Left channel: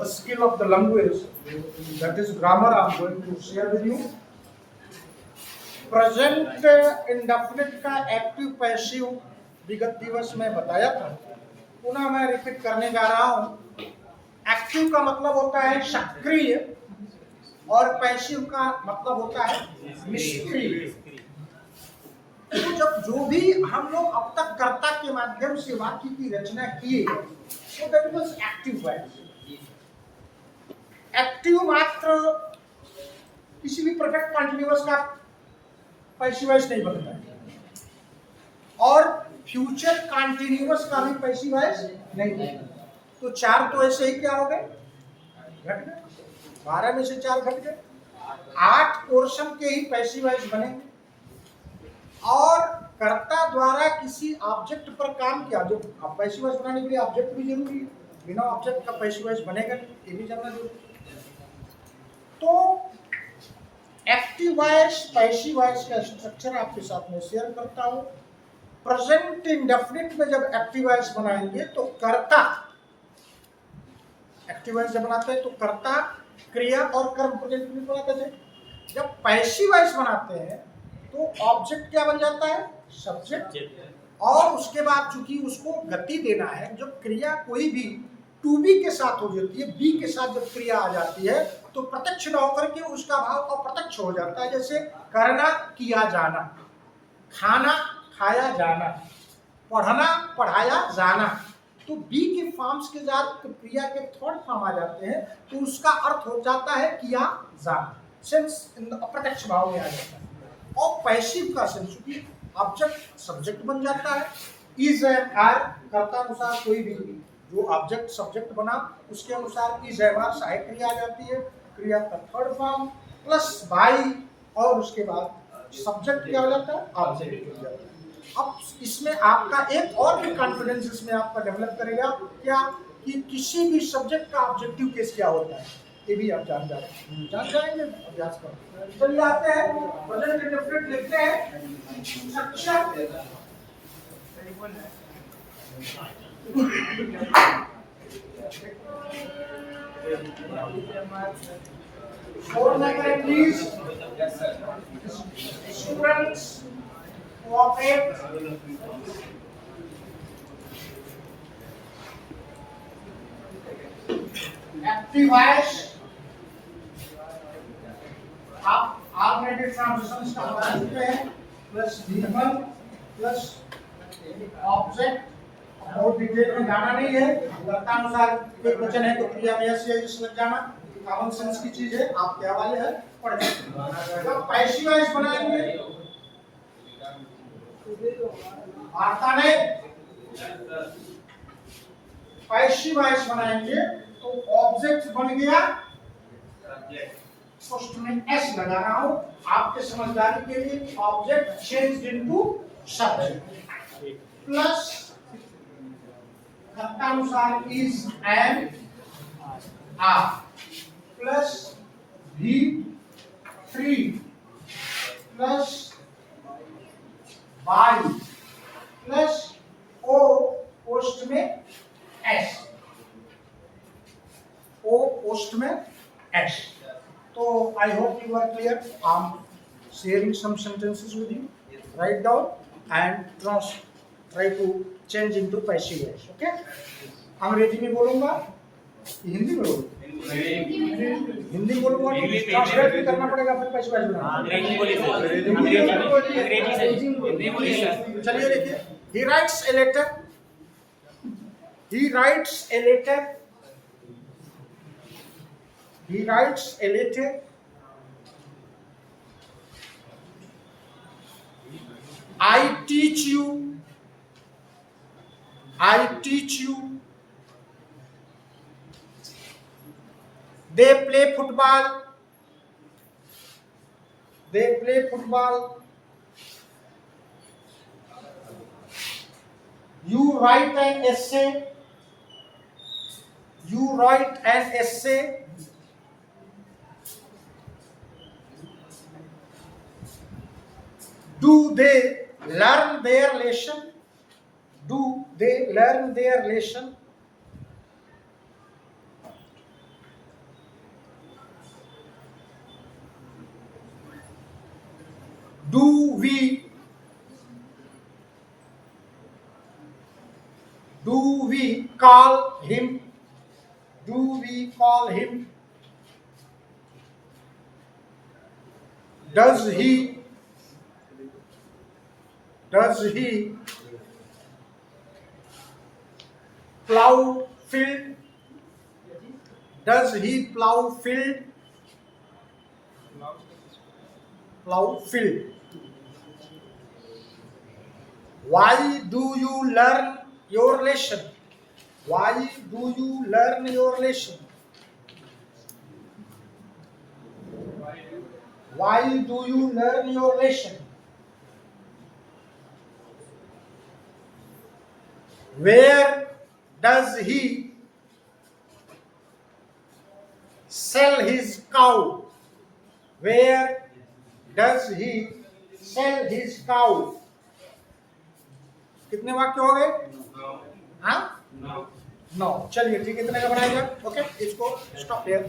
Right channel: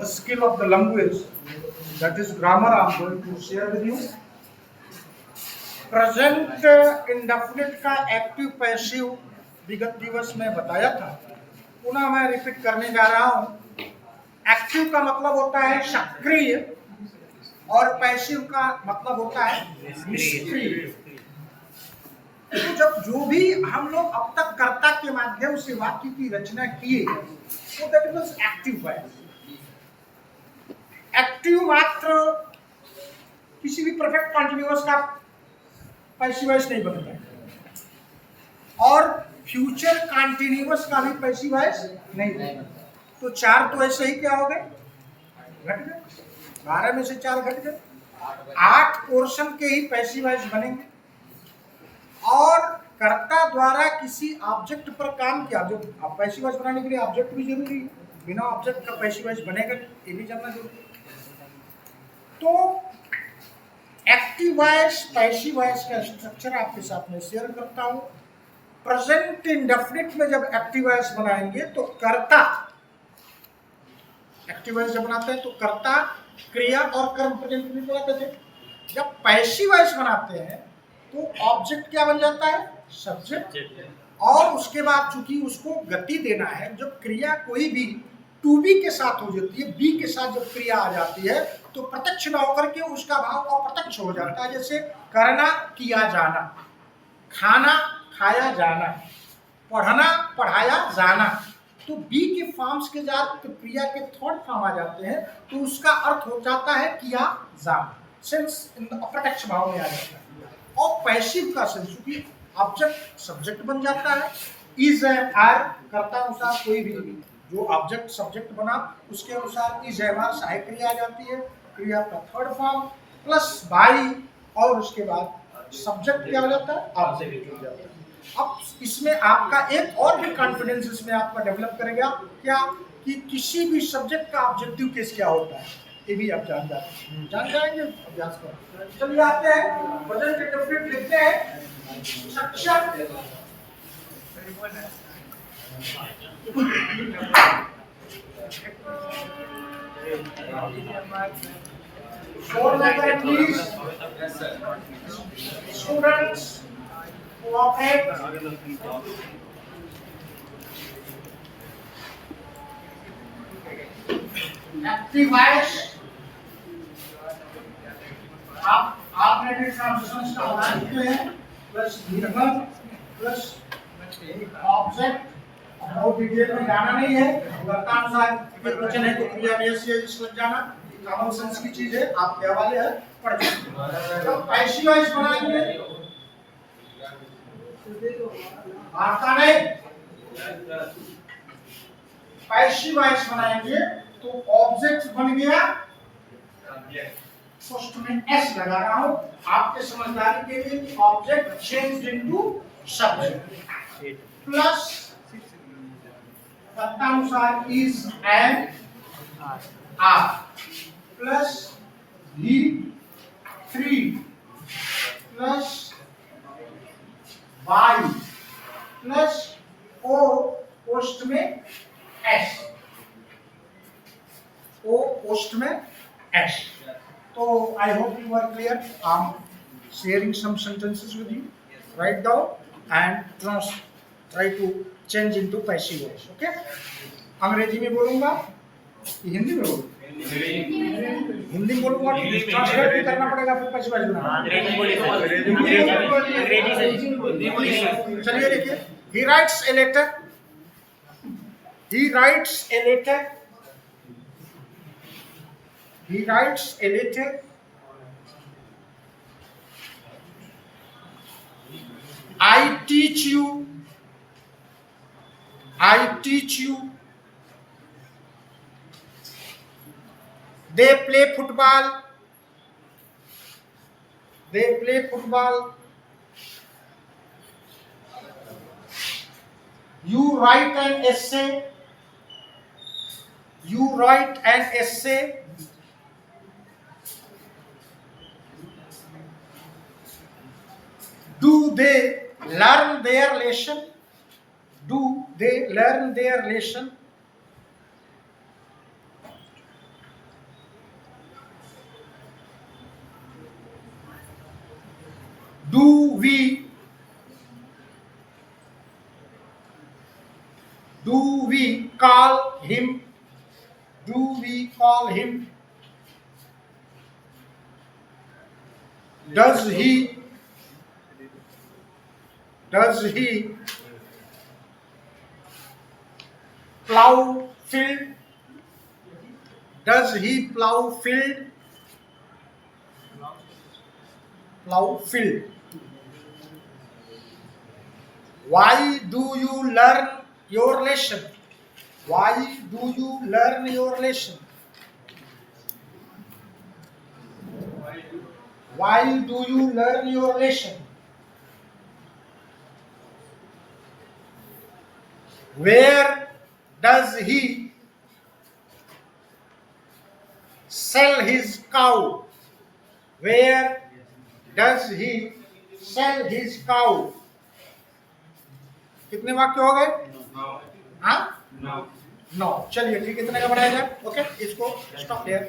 a skill of the language, that is grammar. I am going to share with you. Present indefinite का active passive विगत दिवस में बताया था, पुनः मैं रिपीट करने जा रहा हूं। एक्टिव का मतलब होता है सक्रिय और पैसिव का मतलब होता है निष्क्रिय। तो जब जो भी हम लोग अब तक कर्ता के माध्यम से वाक्य की रचना किए तो that was active voice. Active मात्र किसी भी परफेक्ट कंटिन्यूअस का पैसिव वॉइस नहीं बनता है और फ्यूचर कंटिन्यूअस का भी पैसिव वॉइस नहीं बनता। तो चार तो ऐसे ही क्या हो गए, घट गए। 12 में से 4 घट गए, 8 पोर्शन के ही पैसिव वॉइस बनेंगे। और कर्ता द्वारा किसी ऑब्जेक्ट पर काम किया, जो अब पैसिव वॉइस बनाने के लिए ऑब्जेक्ट भी जरूरी है, बिना ऑब्जेक्ट का पैसिव वॉइस बनेगा ये भी जानना जरूरी है। तो एक्टिव वॉइस पैसिव वॉइस का स्ट्रक्चर आपके साथ में शेयर करता हूं। प्रेजेंट इंडेफिनिट में जब एक्टिव वॉइस बनाएंगे तो कर्ता, एक्टिव वॉइस जब बनाते हैं तो कर्ता क्रिया और कर्म प्रेजेंट में बनाते थे। जब पैसिव वॉइस बनाते हैं तो ऑब्जेक्ट क्या बन जाता है, सब्जेक्ट। और उसके बाद चूंकि उसको गति देना है, जब क्रिया कोई भी टू बी के साथ हो जाती है, बी के साथ जब क्रिया आ जाती है तो प्रत्यक्ष न होकर के उसका भाव अप्रत्यक्ष हो जाता है। जैसे करना, किया जाना, खाना, खाया जाना, पढ़ना, पढ़ाया जाना। तो बी के फॉर्म्स के साथ क्रिया के थर्ड फॉर्म आ जाते हैं तो उसका अर्थ हो जाता है किया जाना, सेंस अप्रत्यक्ष भाव में आ जाता है। और पैसिव का सेंस क्योंकि ऑब्जेक्ट सब्जेक्ट बन जाता है, इज एंड आर कर्ता अनुसार कोई भी जो ऑब्जेक्ट सब्जेक्ट बना उसके अनुसार इज एंड आर सहायक क्रिया आ जाती है, क्रिया का थर्ड फॉर्म प्लस बाई, और उसके बाद सब्जेक्ट क्या हो जाता है, ऑब्जेक्ट हो जाता है। अब इसमें आपका एक और भी कॉन्फिडेंस इसमें आपका डेवलप करेगा क्या, कि किसी भी सब्जेक्ट का ऑब्जेक्टिव केस क्या होता है ये भी आप जान जाएंगे अभ्यास कर। चलिए आते हैं प्रेजेंट इंडेफिनिट लिखते हैं। सक्षम फोर में करें please students, cooperate. Active voice आप ऑल्टरनेटिव ट्रांजिशंस का उदाहरण देते हैं, प्लस निर्भर प्लस ऑब्जेक्ट। बहुत डिटेल में जाना नहीं है, कर्तानुसार कोई वचन है तो क्रिया में यस या इस लग जाना, कॉमन सेंस की चीज है, आप क्या वाले हैं पढ़ जाइए। तो पैसिव वॉइस बनाएंगे, आता नहीं, पैसिव वॉइस बनाएंगे तो ऑब्जेक्ट बन गया, फर्स्ट में एस लगा रहा हूं आपके समझदारी के लिए, object changed into subject plus कर्तानुसार is and are plus V3 plus Y plus O post में S, O पोस्ट में S। तो I hope you are clear. I'm sharing some sentences with you. Write down and try to change into passive voice. Okay? अंग्रेजी में बोलूंगा, हिंदी में बोलूंगा? हिंदी में बोलूंगा तो ट्रांसलेट भी करना पड़ेगा, फिर पैसिव वॉइस बनाना। अंग्रेजी बोलिए। चलिए देखिए, he writes a letter, he writes a letter, he writes a letter, I teach you, I teach you, they play football, they play football, you write an essay, you write an essay, do they learn their lesson, do they learn their lesson, do we call him, do we call him, does he plow field, does he plow field, why do you learn your lesson, why do you learn your lesson, why do you learn your lesson, where does he sell his cow, where does he sell his cow। कितने वाक्य हो गए? हाँ 9। चलिए ठीक, इतने का बनाया जाए। ओके, इसको स्टॉप हियर।